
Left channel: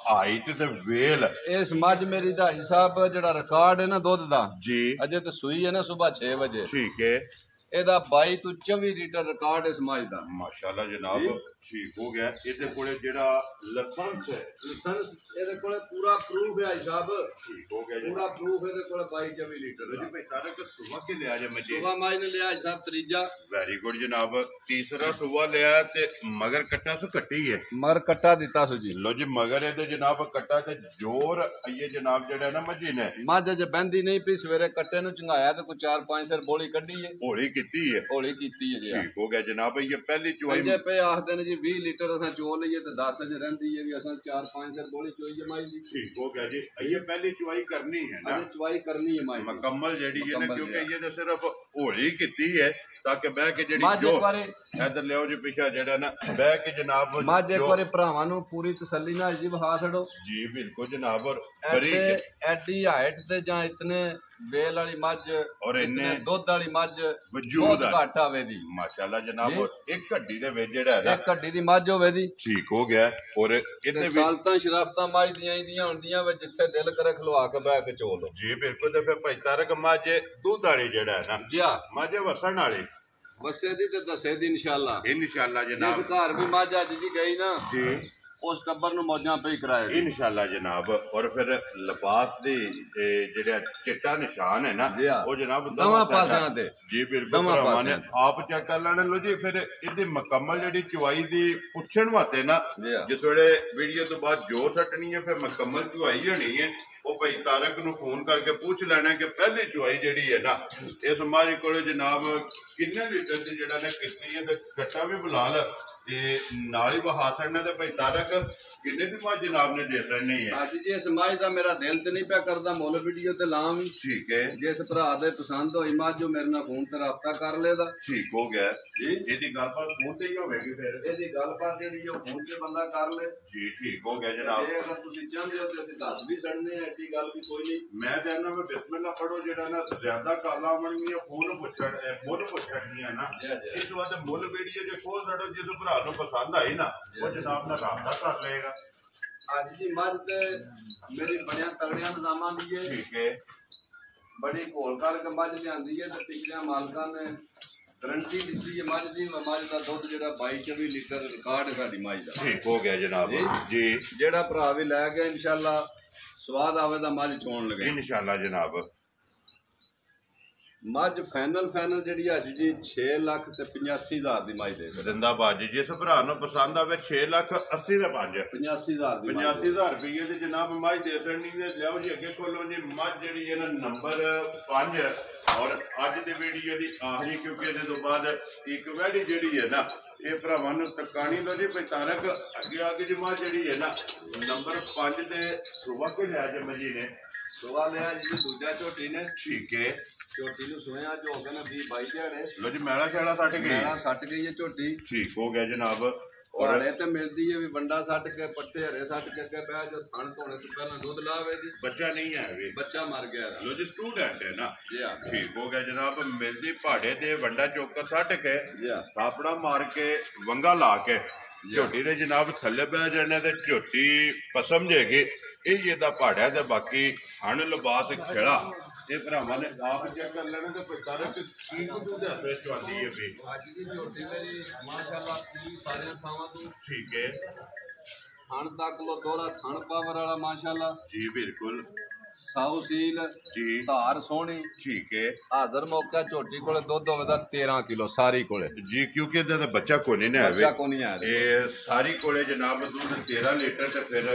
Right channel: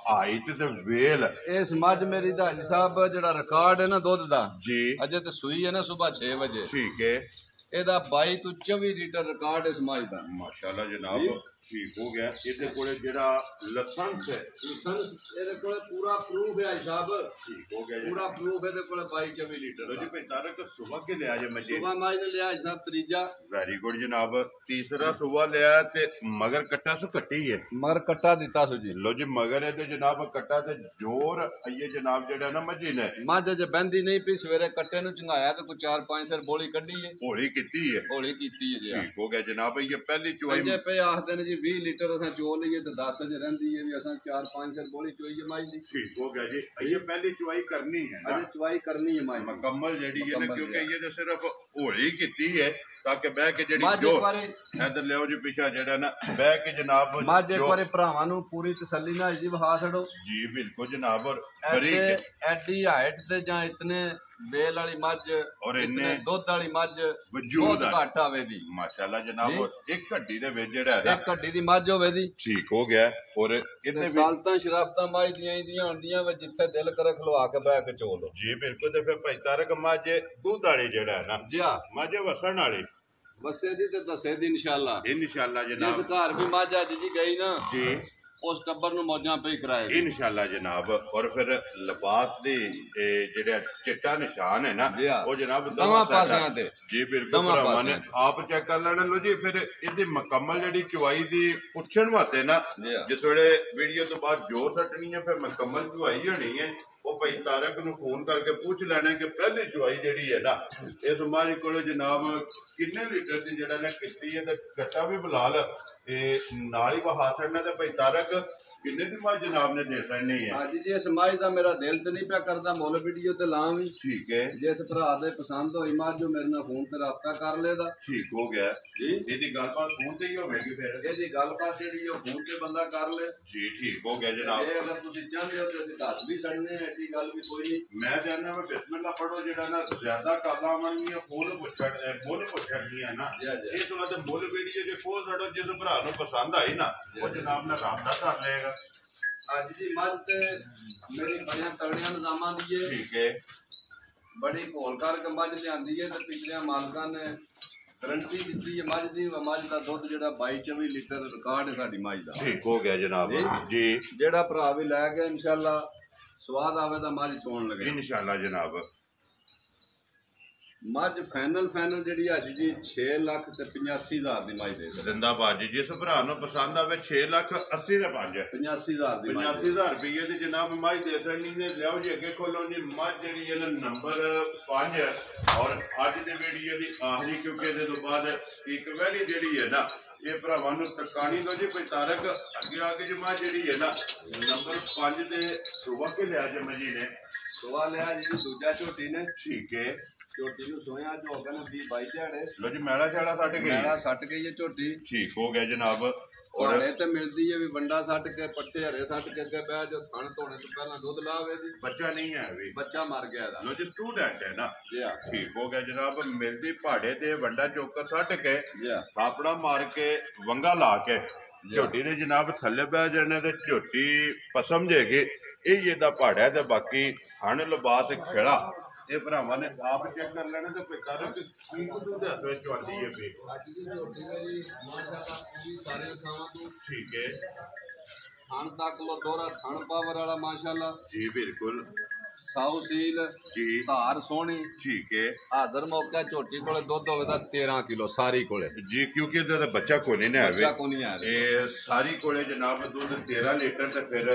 हाइट ते वेल ਇਸ ਮੱਝ ਮੇਰੀ ਦਾ ਹਿਸਾਬ ਜਿਹੜਾ ਰਿਕਾਰਡ ਹੈ ਨਾ ਦੁੱਧ ਦਾ जी ਅਜੇ ਤੇ ਸੂਈ ਹੈ ਨਾ ਸਵੇਰ 6 ਵਜੇ ठीक है ਇਹਦਾ 22 ਤੋਂ 24 ਲੀਟਰ ਰਿਕਾਰਡ ਇਸ ਮੱਝ ਦਾ माशाल्लाह जनाब जी। ठीक हो गया ਇਹਦੇ ਕੋਲੇ ਜਿਹੜਾ ਲਾਇਸੈਂਸ ਹੈ ਲਾਇਸੈਂਸ ਇਹਦੇ ਕੋਲੇ ਪੂਰਾ ਪ੍ਰੂਫ ਹੈ ਹਿਸਾਬ ਠੀਕ ਹੋ ਗਿਆ ਜੀ ਪੂਰਾ ਪ੍ਰੂਫ ਇਹਦੇ ਕੋਲੇ 22 24 ਲੀਟਰ ਲੋ ਜੀ ਭਾਈ ਤਾਰਕ ਸੁਬਹ ਕੇ ਲਿਆ ਜੇ ਮੱਝੇ ਸੁਬਾ ਮਾਜ ਨੇ ਲਿਆ ਹਿਸਾਬ ਤੀਜਾ ਵੈਰੀ ਗੁੱਡ ਜਨਾਬ ਤੀਸਰਾ ਸੁਬਹ ਲਿਆ ਤੇ ਮਗਰ ਕੱਟਾ ਸੋ ਕੱਟੀ ਹੈ ਮਗਰ ਕੱਟਾ ਦਿੱਤਾ ਸੋ ਜੀ ਲੋ ਜੀ ਮਗਰ ਇਹਦੇ ਜਨਾਬ ਕੱਟਾ ਤੇ ਜ਼ੋਰ ਆਈਏ ਜਨਾਬ ਜਿਹੜਾ ਨਾ ਮੱਝੀ ਨੇ ਮੱਝ ਜੇ ਬਹਿੰਦੀ ਨਹੀਂ ਪਈ ਸਵੇਰੇ ਕੱਟੇ ਨੂੰ ਚੰਗਾਇਆ ਤੇ ਕੋਈ 4-5 ਸਰ ਬੋਲੀ ਕੱਢੀ ਹੈ ਹੌਲੀ ਕੀਤੀ ਹੈ ਹੌਲੀ ਕੀਤੀ ਹੈ ਜੀ ਠੀਕ ਹੋ ਗਿਆ ਜਨਾਬ ਇਹ ਪਹਿਲੀ ਚੁਆਈ ਪੰਜੇ ਪਏ ਆਖਦੇ ਨੇ ਜੀ 20 ਲੀਟਰ ਅਸਾਂ ਚੋ ਲਈਏ ਤੇ 10 ਚ ਰਹਿੰਦੀ ਹੈ ਵੀ ਅਸਾਂ 4-5 ਸਰ ਬੋਲੀ ਚੋਈਏ ਮਾਈ ਦੀ ਠੀਕ ਹੋ ਗਿਆ ਜੀ ਇਹ ਪਹਿਲੀ ਚੁਆਈ ਕਰਨੀ ਹੈ ਨਾ ਅਜੇ ਚਵਾਈ ਕਰਨੀ ਹੈ ਮਾਈ ਦੀ। ਮੁਕੰਮਲ ਜਿਹੜੀ ਹੈ ਨਾ ਮੁਕੰਮਲ ਕਿਉਂਕਿ ਹੈ। ਇਹ ਤਾਂ ਸਿਰਫ ਹੌਲੀ ਕੀਤੀ ਹੈ ਤਾਂ ਕਿ ਬਹਿ ਕੇ ਜਿਹੜੀ ਮੱਝ ਜੋ ਇੱਕ ਵਾਰੀ ਇਧਰ ਲਿਓ ਜੀ ਪਿੱਛਾ ਜਿਹੜਾ ਨਾ ਬਹਿ ਕੇ ਜਨਾਬ ਮੱਝ ਇੱਕ ਜੋ- ਵਾਰੀ ਭਰਾਵਾਂ ਨੂੰ ਪੂਰੀ ਤਸੱਲੀ ਨਾਲ ਜੀ ਵਹਾ ਛੱਡੋ ਜੀ ਬਿਲਕੁਲ ਜਨਾਬ ਔਰ ਬਰੀਕ ਐਡੀ ਹਾਈਟ ਤੇ ਜਾਂ ਇਤਨੇ ਬੇਲ ਵਾਲੀ ਮੱਝ ਔਰ ਇਤਨੇ ਇੰਨੇ ਦੁੱਧ ਵਾਲੀ ਮੱਝ ਵਜੂਦ ਬਹੁਤ ਆ ਘੱਟ ਆਵੇ ਦੀ ਮਾਸ਼ਾਅੱਲਾ ਜਨਾਬ ਜੀ। ਔਰ ਇੱਕ ਹੱਡੀ ਦੇ ਵਿੱਚ ਜਿਹੜਾ ਹੈ ਨਾ ਇੱਕ ਹੱਡੀ ਦੀ ਮੱਝ ਹੋਵੇ ਦੀ ਠੀਕ ਹੋ ਗਿਆ ਔਰ ਇਹਦੇ ਤੇ ਵਿੱਚ ਸਾਲਤਾਂ ਸ਼ਰਾਫਤਾਂ ਮੱਝ ਦੀਆਂ ਇਹਦੀਆਂ ਹੁੰਦੀਆਂ ਵੇ ਜਿੱਥੇ ਦਿਲ ਕਰੇ ਖਲਵਾ ਕੇ ਬਹਿ ਕੇ ਚੋ ਲੋ ਜੀ ਬਿਲਕੁਲ ਤੇ ਫਿਰ ਭਾਈ ਤਾਰਕ ਮਾਝੇ ਦੁੱਧ ਵਾਲੀ ਜਿਹੜਾ ਹੈ ਨਾ ਜੀ ਆ ਮਾਝੇ ਵਸਣ ਵਾਲੀ ਬੱਸੇ ਦੀ ਤੇ ਦੱਸੇ ਦੀ ਇਨਸ਼ਾਅੱਲਾ ਇਨਸ਼ਾਅੱਲਾ ਜਿਸ ਜਨਾਬ ਘਰ ਵੀ ਮੱਝ ਅੱਜ ਜੀ ਗਈ ਨਾ ਜੀ ਉਸ ਟੱਬਰ ਨੂੰ ਮੌਜਾਂ ਪਈ ਕਰਾਏ ਇਨਸ਼ਾਅੱਲਾ ਜਨਾਬ ਔਰ ਫਿਰ ਲਿਬਾਸ ਦੇ ਜਿਹੜਾ ਚਿੱਟਾ ਨਿਸ਼ਾਨ ਹੈ ਨਾ ਜੀ ਹਾਂ। ਉਹ ਜਨਾਬ ਦੋਵਾਂ ਪਾਸਿਆਂ ਤੇ ਜੀ ਬਿਲਕੁਲ ਦੋਵਾਂ ਭਰਾਵਾਂ ਨੇ ਪਾਸਿਆਂ ਆਪ ਚੈੱਕ ਕਰ ਲੈਣਾ ਲੋ ਜੀ ਫਿਰ ਇਹਦੀ ਮੁਕੰਮਲ ਜਿਹੜੀ ਚੁਆਈ ਦੀ ਪੁੱਛਣ ਵਾਸਤੇ ਨਾ ਜੀ ਹਾਂ। ਜਿਸ ਵੇਲੇ ਵੀਡੀਓ ਤੋਂ ਬਾਅਦ ਜੋਰ ਸੱਟਣੀ ਹੈ ਫਿਰ ਮੁਕੰਮਲ ਚੁਆਈ ਹੋਣੀ ਹੈ ਉਹ ਭਾਈ ਤਾਰਕ ਨੂੰ ਫੋਨ ਕਰਕੇ ਪੁੱਛ ਲੈਣਾ ਕਿ ਪਹਿਲੀ ਚੁਆਈ ਜਿਹੜੀ ਹੈ ਨਾ ਇਸ ਮਾਰੀ ਕੋਲੇ ਜਨਾਬ ਕਿੰਨੇ ਲੀਟਰ ਦੀ ਜਿਹੜਾ ਨੇ ਕੀਤੀ ਹੈ ਤੇ ਗੱਟਾ ਵੀ ਬੁਲਾ ਲ ਤੇ ਨਾਲ ਹੀ ਵਹਾ ਛੱਡਣਾ ਤੇ ਭਾਈ ਤਾਰਕ ਕਿੰਨੇ ਦੀ ਮੱਝ ਜਨਾਬ ਨੇ ਦੇ ਛੱਡਣੀ ਹੈ ਅੱਜ ਜੀ ਇਸ ਮੱਝ ਦਾ ਮੇਰਾ ਦਿਲ ਤੇ ਨਹੀਂ ਪਿਆ ਕਰਦਾ ਮੁੱਲ ਵੀਡੀਓ ਤੇ ਲਾਂ ਵੀ ਠੀਕ ਹੈ ਜਿਸ ਭਰਾ ਦੇ ਪਸੰਦ ਹੋਈ ਮੱਝ ਜੋ ਮੇਰੇ ਨਾਲ ਫੋਨ ਤੇ ਰਾਬਤਾ ਕਰ ਲੇਦਾ ਠੀਕ ਹੋ ਗਿਆ ਜੀ। ਇਹਦੀ ਗੱਲਬਾਤ ਫੋਨ ਤੇ ਹੀ ਹੋਵੇਗੀ ਫਿਰ ਇਹਦੀ ਗੱਲਬਾਤ ਜਿਹੜੀ ਉਹ ਫੋਨ ਤੇ ਬੰਦਾ ਕਰ ਲੇ ਜੀ ਠੀਕ ਹੋ ਗਿਆ ਜਨਾਬ ਜੇ ਅਗਰ ਤੁਸੀਂ ਚਾਹੁੰਦੇ ਹੋ ਤੇ ਅਸੀਂ ਦੱਸ ਵੀ ਛੱਡਨੇ ਆ ਐਸੀ ਗੱਲ ਵੀ ਕੋਈ ਨਹੀਂ ਮੈਂ ਜਾਣਦਾ ਮੈਂ ਬਿਸਮਿਲ੍ਲਾ ਪੜੋ ਜਿਹੜਾ ਨਾ ਜ਼ਿਆਦਾ ਕਾਲਾਂ ਬਣਨੀਆਂ ਫੋਨ ਪੁੱਛਣੀਆਂ ਨਾ ਜੀ, ਜੀ। ਇਸ ਤੋਂ ਬਾਅਦ ਮੁੱਲ ਵੀਡੀਓ ਜੇ ਖੋਲ ਛੱਡੋ ਜਿਸ ਭਰਾ ਨੂੰ ਪਸੰਦ ਆਈ ਨਾ ਉਹ ਜਨਾਬ ਨਾਲ ਰਾਬਤਾ ਕਰ ਲਏਗਾ ਅੱਜ ਦੀ ਮੱਝ ਤੇ ਮੇਰੀ ਬੜਿਆਂ ਤਗੜਿਆਂ ਨਿਜ਼ਾਮਾਂ ਦੀ ਹੈ ਠੀਕ ਹੈ ਬੜੀ ਘੋਲ ਕਰਕੇ ਮੱਝ ਲਿਆਂਦੀ ਹੈ ਤੇ ਪਿਛਲੇ ਮਾਲਕਾਂ ਨੇ ਗਰੰਟੀ ਦਿੱਤੀ ਹੈ ਮੱਝ ਦੀ ਮੱਝ ਦਾ ਦੁੱਧ ਜਿਹੜਾ 22-24 ਲੀਟਰ ਰਿਕਾਰਡ ਹੈ ਸਾਡੀ ਮੱਝ ਦਾ ਠੀਕ ਹੋ ਗਿਆ ਜਨਾਬ ਜੀ ਜਿਹੜਾ ਭਰਾ ਵੀ ਲੈ ਗਿਆ ਇਨਸ਼ਾਅੱਲਾ ਸਵਾਦ ਆਵੇ ਦਾ ਮੱਝ ਚੋਣ ਲਗੇ ਇਨਸ਼ਾਅੱਲਾ ਜਨਾਬ ਮੱਝ ਫਾਈਨਲ ਜਿਹੜੀ ਅੱਜ ਜੀ 6,85,000 ਦੀ ਮੱਝ ਦੇ ਦਿੰਦਾ। ਜ਼ਿੰਦਾਬਾਦ ਜੀ। ਜਿਸ ਭਰਾ ਨੂੰ ਪਸੰਦ ਆਵੇ 6,80,000 ਦੇ 5 85,000 ਦੀ ਮੱਝ 85,000 ਰੁਪਏ ਦੀ ਜਨਾਬ ਮੱਝ ਦੇ ਸਕਣੀ ਨੇ। ਲਿਆਓ ਜੀ ਅੱਗੇ ਖੋਲੋ ਜੀ। ਮੱਝ ਜਿਹੜੀ ਹੈ ਨਾ ਨੰਬਰ 5 ਔਰ ਅੱਜ ਦੇ ਵੀਡੀਓ ਦੀ ਆਖਰੀ, ਕਿਉਂਕਿ ਇਹਦੇ ਤੋਂ ਬਾਅਦ ਇੱਕ ਵੈਲੀ ਜਿਹੜੀ ਹੈ ਨਾ ਇਹ ਭਰਾਵਾਂ ਨੂੰ ਤਕਾਣੀ ਲੋ ਜੀ। ਕੋਈ ਤਾਰਕ ਅੱਗੇ ਆ ਕੇ ਜੀ ਮੱਝ ਜਿਹੜੀ ਹੈ ਨਾ ਨੰਬਰ 5 ਤੇ ਸੁਬਾ ਕੇ ਲਿਆ ਜੇ ਮਜੀ ਨੇ ਸੁਆ ਲਿਆ ਜੀ ਦੂਜਾ ਝੋਟੀ ਨੇ। ਠੀਕ ਹੈ। ਝੋਟੀ ਨੂੰ ਸੋਇਆ ਜੋ ਹੋ ਗਿਆ ਨਾ 20-22 ਦਿਹਾੜੇ। ਲੋ ਜੀ ਮੈਲਾ ਛਾਲਾ ਸੱਟ ਗਈ। ਮੈਲਾ ਸੱਟ ਗਈ ਹੈ ਝੋਟੀ। ਠੀਕ ਹੋ ਗਿਆ ਜਨਾਬ। ਔਰ ਹਲੇ ਤੇ ਮਿਲਦੀ ਹੈ ਵੀ ਵੰਡਾ ਸੱਟ ਕੇ ਪੱਟੇ ਹਰੇ ਸੱਟ ਕੇ ਅੱਗੇ ਬਹਿ ਜਾ ਥਣ ਧੋਣੇ ਤੋਂ ਪਹਿਲਾਂ ਦੁੱਧ ਲਾਵੇ ਜੀ। ਬੱਚਾ ਨਹੀਂ ਹੈ ਵੀ ਬੱਚਾ ਮਰ ਗਿਆ ਇਹਦਾ। ਲੋ ਜੀ ਸਟੂਡੈਂਟ ਹੈ ਨਾ। ਜੀ ਹਾਂ ਠੀਕ ਹੋ ਗਿਆ ਜਨਾਬ। ਮਿਲਦੀ ਪਹਾੜੇ ਤੇ ਵੰਡਾ ਚੌਕ ਸੱਟ ਕੇ ਜੀ ਹਾਂ ਆਪਣਾ ਮਾਰ ਕੇ ਵੰਗਾ ਲਾ ਕੇ ਝੋਟੀ ਦੇ ਜਨਾਬ ਥੱਲੇ ਬਹਿ ਜਾਣੇ ਤੇ ਝੋਟੀ ਪਸਮ ਜੇਗੀ। ਇਹ ਇਹਦਾ ਪਹਾੜਾ ਤੇ ਬਾਕੀ ਹਣ ਲਿਬਾਸ ਖੇੜਾ ਇਹ ਭਰਾਵਾਂ ਨੇ ਆਪ ਚੈੱਕ ਕਰ ਲੈਣਾ ਤੇ ਪਿਤਾਰ ਕੀ ਕੁਝ ਦੇ ਹੱਥ ਵਿੱਚ ਆਉਂਦੀ ਹੈ ਵੀ ਅੱਜ ਦੀ ਝੋਟੀ ਮੇਰੀ ਮਾਸ਼ਾਅੱਲਾ ਪੂਰੀ ਸਾਰੀਆਂ ਥਾਵਾਂ ਤੋਂ ਠੀਕ ਹੈ। ਥਣ ਤੱਕ ਲੋ ਦੋਹਰਾ ਥਣ ਪਾਵਰ ਵਾਲਾ ਮਾਸ਼ਾਅੱਲਾ ਜੀ ਬਿਲਕੁਲ ਸਾਊ ਸੀਲ ਜੀ। ਧਾਰ ਸੋਹਣੀ। ਠੀਕ ਹੈ ਹਾਜ਼ਰ ਮੌਕਾ ਝੋਟੀ ਕੋਲੇ ਦੁੱਧ ਹੋਵੇ ਤਾਂ 13 ਕਿਲੋ ਸਾਰੀ ਕੋਲੇ ਜੀ। ਕਿਉਂਕਿ ਇਹਦਾ ਤਾਂ ਬੱਚਾ ਕੋਈ ਨਹੀਂ ਬੱਚਾ ਆਵੇ। ਕੋ ਨਹੀਂ ਆ ਰਿਹਾ। ਇਹ ਸਾਰੀ ਕੋਲੇ ਜਨਾਬ ਦੁੱਧ 13 ਲੀਟਰ ਤੇ ਫਿਰ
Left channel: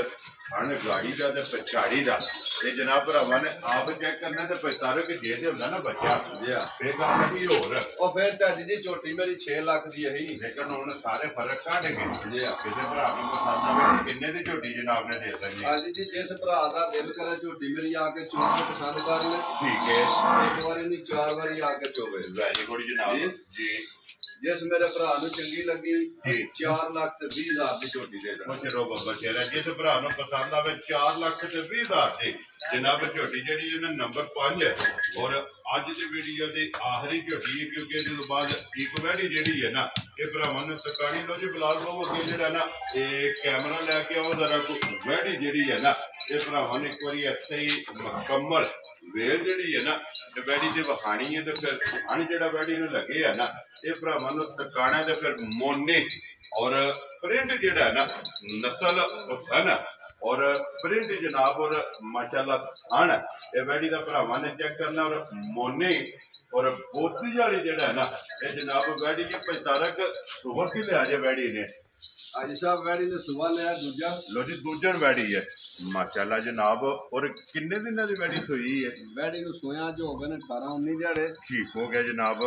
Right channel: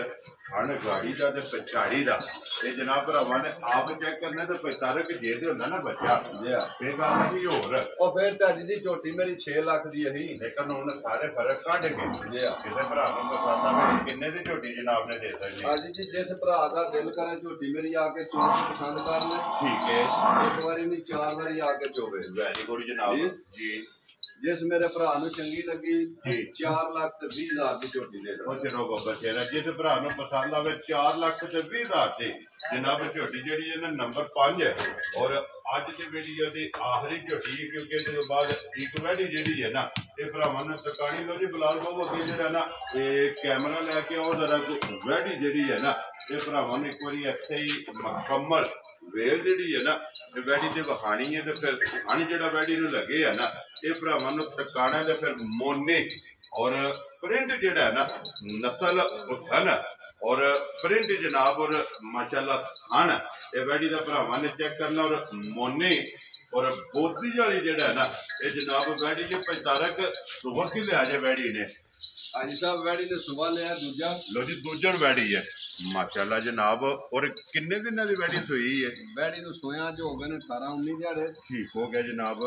ਹਣ ਗਾੜੀ ਦਾ ਤੇ ਪਛਾੜੀ ਦਾ ਇਹ ਜਨਾਬ ਭਰਾਵਾਂ ਨੇ ਆਪ ਚੈੱਕ ਕਰਨਾ ਤੇ ਪਛਤਾਰੋ ਕਿ ਜੇ ਤੇ ਹੁੰਦਾ ਨਾ ਬੱਚਾ ਜੀ ਹਾਂ ਇਹ ਗੱਲ ਕੀ ਹੋਰ ਉਹ ਫਿਰ ਤਾਂ ਜੀ ਝੋਟੀ ਮੇਰੀ 6 ਲੱਖ ਦੀ ਹੈ ਹੀ। ਲੇਕਿਨ ਹੁਣ ਸਾਰੇ ਫਰਕ ਕੱਢ ਗਏ। ਜੀ ਹਾਂ ਕਿਸੇ ਭਰਾ ਨੂੰ ਪਸੰਦ ਆਵੇ ਕਿੰਨੇ ਦੀ ਝੋਟੀ ਜਨਾਬ ਨੇ ਦੇ ਸਕਦੀ ਹੈ। ਹਾਂਜੀ ਜੀ ਜਿਸ ਭਰਾ ਦਾ ਦਿਲ ਕਰੇ ਝੋਟੀ ਮੇਰੀ ਆ ਕੇ ਚੋਣ ਕੇ ਪਸੰਦ ਕਰ ਲੈ। ਠੀਕ ਹੈ। ਇੱਕ ਵਾਰੀ ਨਹੀਂ 4 ਵਾਰੀ ਆ ਕੇ ਚੋਵੇ। ਵੈਰੀ ਗੁੱਡ ਜਨਾਬ ਜੀ। ਜਿਸ ਮੇਰੇ ਭਰਾ ਨੂੰ ਚੰਗੀ ਲੱਗੀ ਜੀ 4,20,000 ਦੀ ਝੋਟੀ ਦੇ ਦੇਣਾ। ਉਹ ਚਲੋ ਬਾਬਾ ਤੇਰਾ ਜਿਸ ਭਰਾ ਨੂੰ ਪਸੰਦ ਆਵੇ 4,20,000 ਦੀ ਜਨਾਬ ਝੋਟੀ ਜਿਹੜੀ ਇਹਨੇ ਨੰਬਰ 5 ਹੈ ਔਰ ਅੱਜ ਦੀ ਵੀਡੀਓ ਦੀ ਆਖਰੀ ਝੋਟੀ ਹੈ ਕਿਉਂਕਿ ਇਹਦੇ ਤੋਂ ਬਾਅਦ ਇੱਕ ਵੈਡੀ ਜਿਹੜੀ ਹੈ ਨਾ ਇਹ ਭਰਾਵਾਂ ਨੂੰ ਤਕਾਣੀ ਲੋ ਜੀ। ਬਿਲਾਲ ਬਾਬੂ ਅੱਗੇ ਜਿਹੜਾ ਨਾ ਇਹ ਕੈਮਰਾ ਲੈ ਕੇ ਆਓ ਜ਼ਰਾ ਵੈਡੀ ਜਿਹੜੀ ਹੈ ਨਾ ਇਹ ਭਰਾਵਾਂ ਨੇ ਇੱਕ ਵਾਰੀ ਇੱਥੇ ਹੀ ਮੁਕੰਮਲ ਵੇਲ ਜਿਹੜੀ ਹੈ ਨਾ ਇਹ ਵੈਡੀ ਤੇ ਵਹਾਣੀ ਹੈ ਤੇ ਫਿਰ ਹਣ ਜਿਹੜਾ ਵੈਡੀ ਨੂੰ ਲੱਗੇ ਆ ਨਾ ਇਹ ਭਰਾਵਾਂ ਨੂੰ ਤਕਾਣਾ ਤੇ ਫਿਰ ਮੋਨੇ ਔਰ ਪ੍ਰਿੰਟ ਜਿਹੜਾ ਹੈ ਨਾ ਨਸਲ ਹੁਸਨ ਔਰ ਪ੍ਰਿੰਟ ਜਨਾਬ ਔਰ ਮਾਸ਼ਾਅੱਲਾ ਹਣ ਇਹ ਵੈਡੀ ਦਾ ਭਰਾਵਾਂ ਨੇ ਚੈੱਕ ਕਰਨਾ ਔਰ ਮੋਨੇ ਔਰ ਬੋਤੀ ਵਾਲੀ ਜਿਹੜਾ ਹੈ ਨਾ ਇਹ ਜਨਾਬ ਵੈਡੀ ਕੇ ਪੈਤਾਰਕ ਸੁਬਹ ਕੀ ਲਿਆ ਜੇ ਵੈਡੀ ਨੇ ਅੱਜ ਸਾਹਿਬ ਵੈੜੀ ਨੇ ਸੁਬਾ ਲਿਆ ਦੂਜਾ। ਲੋ ਜੀ ਦੂਜਣ ਵੈੜੀ ਹੈ ਮਾਸ਼ਾਅੱਲਾ ਜਨਾਬ। ਔਰ ਕਿੰਨੇ ਦਿਨਾਂ ਦੀ ਵੈੜੀ ਸੋਈ ਹੈ? ਵੈੜੀ ਨੂੰ ਸੋਇਆ ਜੋ ਹੋ ਗਏ ਨੇ 18-19 ਦਿਹਾੜੇ। ਠੀਕ ਹੋ ਗਿਆ ਜਨਾਬ।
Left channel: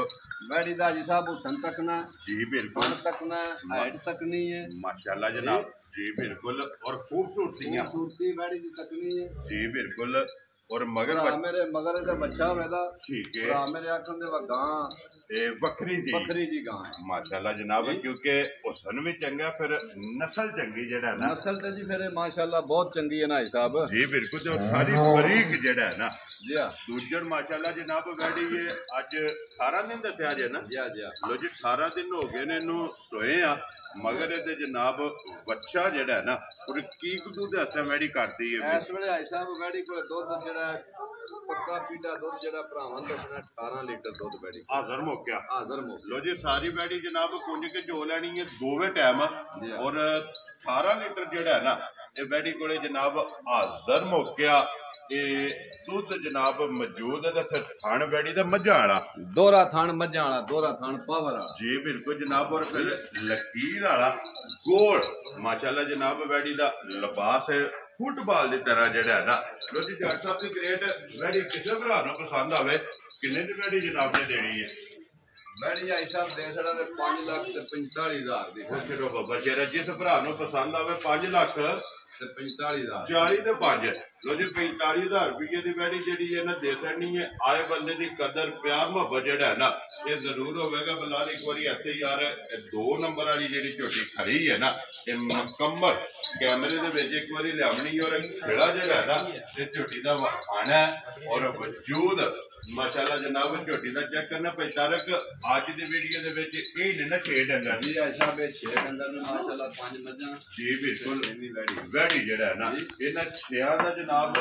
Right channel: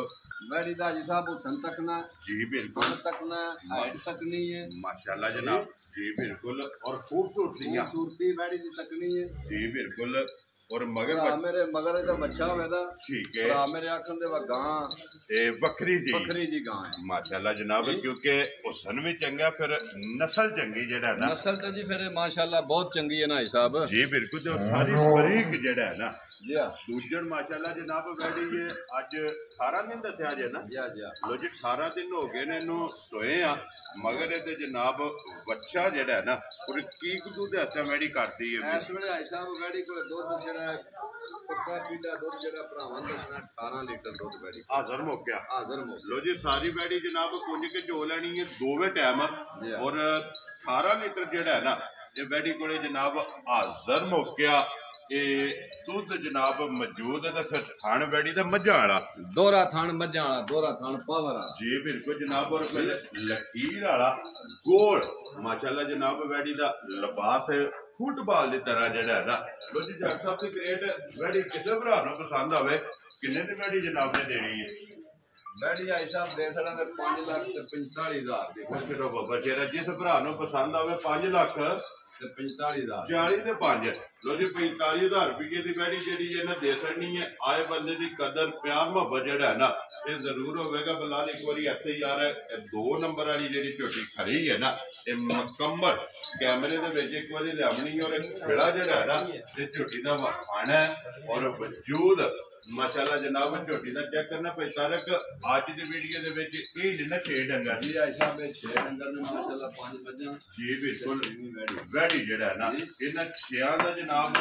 ਵੈੜੀ ਦਾ ਜੀ ਸਾਹਿਬ ਹੁਸਨ ਤੱਕਣਾ ਜੀ ਬਿਲकुल ਹੁਸਨ ਤੱਕਣਾ ਹਾਈਟ ਤੱਕਣੀ ਹੈ माशाल्लाह जनाब जी बिल्कुल और खूबसूरतियां खूबसूरती वैड़ी ਦੀ ਤੱਕਣੀ ਹੈ जी बिल्कुल और मगर ਭਰਾ ਮੇਰੇ ਮਗਰ ਇਹਦਾ ਬੱਚਾ ਹੋਵੇਗਾ। ठीक है ਭਰਾ ਮੇਰੇ ਆਖਣ ਦੇ ਵਾ ਗਾਂ ये बकरी जी ਬੱਕਰੀ ਜੀ ਗਾਂ ਹੈ माशाल्लाह जनाब क्योंकि हुसन भी चंगा फिर नस्ल चंगी जेड़ा ना ਨਸਲ ਤੇ ਜੀ ਫਿਰ ਮਾਸ਼ਾਅੱਲਾ ਬਹੁਤ ਚੰਗੀ ਹੈ ਨਾ ਸਾਹਿਬ। जी बिल्कुल और सारी बारीक जेड़ा है ना ਜੀ ਹਾਂ दूजन माशाल्लाह जनाब वैडी ये ਅੱਜ 18 दिन दसिया जे ना ਜੀ ਹਾਂ ਜੀ ਹਾਂ लो जी 18 दिन हो गए ने ਇਹਨੂੰ सोए आ मगर ਇਹਦੇ ਜਨਾਬ ਬੱਚਾ ਜਿਹੜਾ ਹੈ ਨਾ ਉਹ ਕੀ ਕੁ ਦੇ ਹੱਥਾਂ ਵੈੜੀ ਕਰਦੀ ਹੈ ਇਸ ਵੇਲੇ ਆਈ ਸਾਹਿਬ ਵੈੜੀ ਕੋਲ ਦੁੱਧ ਜਿਹੜਾ ਪੱਕਾ ਪੀੜਾ ਦੁੱਧ ਜਿਹੜਾ ਭਰਾਵਾਂ ਦੱਸਣਾ 18 ਲੀਟਰ ਦੁੱਧ ਵੈੜੀ ਹਾਜ਼ਰ ਮੌਕਿਆ ਹਾਜ਼ਰ ਮੋ लो जी सारी वैडी जनाब कुंज के चो लैनी है दोवे टाइम और 18 लीटर जेड़ा है ना ये वैडी कोले जनाब हाजर मौकिया दुध जनाब मौजूद है फिर थान वैडी दा मझां वाला ਦੋਹਰਾ ਥਣ ਮੱਝਾਂ ਵਾਲਾ ਦੋਹਰਾ ਥਣ ਪਾਵਰ वाला जी बिल्कुल जनाब और फिर लकीर वाला गोल माशाल्लाह जनाब वैडी दा लिबास फुटबॉल की तरह जेड़ा है ना लो जी जट साहब की ग्रेट वैडी किसे भरा ना पसंद आवे किन्ने दी वैडी जनाब ने देनी है ਵੈੜੀ ਆਈ ਸਾਹਿਬ ਦੇ ਸੜਾਂਗੇ 5,45,000 ਦੀ। ਉਹ ਕਿਹੜਾ ਬਾਬਾ ਤੇਰਾ ਜਿਸ ਭਰਾ ਨੂੰ ਪਸੰਦ ਆਵੇ 5 ਲੱਖ ਤੇ 45,000 40 ਤੇ 5 ਲੋ ਜੀ 45,000 ਰੁਪਏ ਦੀ ਵੈੜੀ ਜਿਹੜੀ ਹੈ ਨਾ ਦੇ ਸਕਣੀ ਹੈ। ਆਏ ਬੰਦੇ ਦੀ ਕਦਰ ਪਿਆਰ ਮੁਹੱਬਤ ਜਿਹੜਾ ਹੈ ਨਾ ਇਹ ਜ਼ਰੂਰ ਹੋਵੇਗਾ। ਬਲਾਲ ਇੱਕ ਵਾਰੀ ਇੱਥੇ ਯਾਰ 2 ਨੰਬਰ ਵਾਲੀ ਜਿਹੜੀ ਝੋਟੀ ਖੜੀ ਹੈ ਨਾ ਇਹ ਮੁਕੰਮਲ ਕੈਮਰੇ ਦੇ ਵਿੱਚ ਇੱਕ ਵਾਰੀ ਲਿਆਵਣੀ ਔਰ ਖੇੜਾ ਜਿਹੜਾ ਹੈ ਨਾ ਇਹ ਝੋਟੀ ਦਾ ਵਹਾਣਾ ਔਰ ਵਜੂਦ माशाल्लाह जनाब झोटी का चेक करना पैतारक आज की वीडियो दे विच ये नहीं ना 6 डंगर जी आयशा बे 6 डंगर ने माशाल्लाह 5 मज्जां जी बिल्कुल वैड़ी जेड़ा है ना इन्हां 6 दा जनाब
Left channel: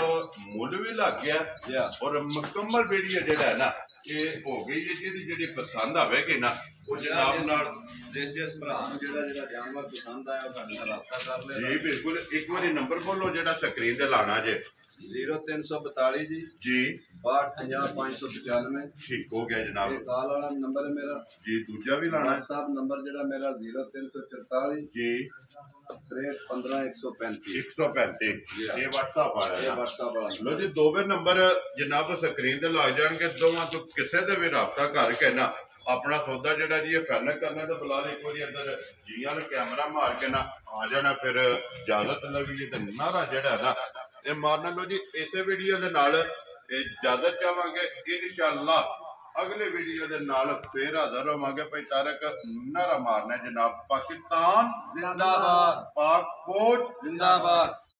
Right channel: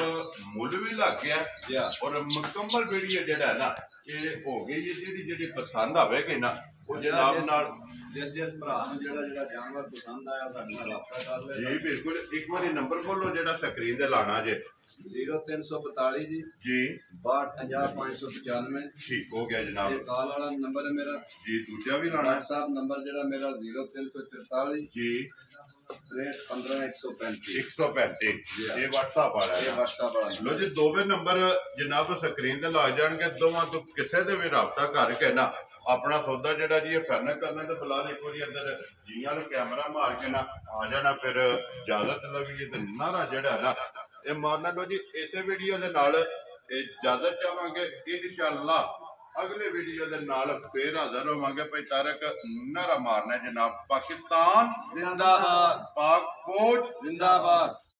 मुल भी लग गया और मुकम्मल वीडियो जेड़ा है ना ये हो गई है जेडी जेडी पसंद आवेगी ना वो जनाब नाल जिस भरा नूं जेड़ा जानवर पसंद आया साडे नाल राबता कर ले जी बिल्कुल एक बारी नंबर बोलो जेड़ा स्क्रीन ते लाना जे 0342 जी जी 6250 ठीक हो गया जनाब ये कॉल वाला नंबर है मेरा जी दूजा भी लाना है व्हाट्सएप नंबर जेड़ा मेरा 0344 जी 63 15 135 135 ये व्हाट्सएप आ रहा ये है व्हाट्सएप वाला लो जी दोवे नंबर जनाब स्क्रीन ते लग जाएंगे दोवां तो किसे दे भी राबता करके ना अपना सौदा जेड़ा जी फाइनल करना तो फिलहाल एक बार अंदर जी वाले कैमरा मार के ना आ जाना फिर इजाजत लगी ते नारा जेड़ा है ना ये मारना लो जी इसे वीडियो दे नाल इजाजत चाहांगे इंशाअल्लाह अगले वीडियो दे नाल फिर हाजिर होवांगे भाई तारक नारा मारना है जनाब पाकिस्तान जिंदाबाद पाक फौज जिंदाबाद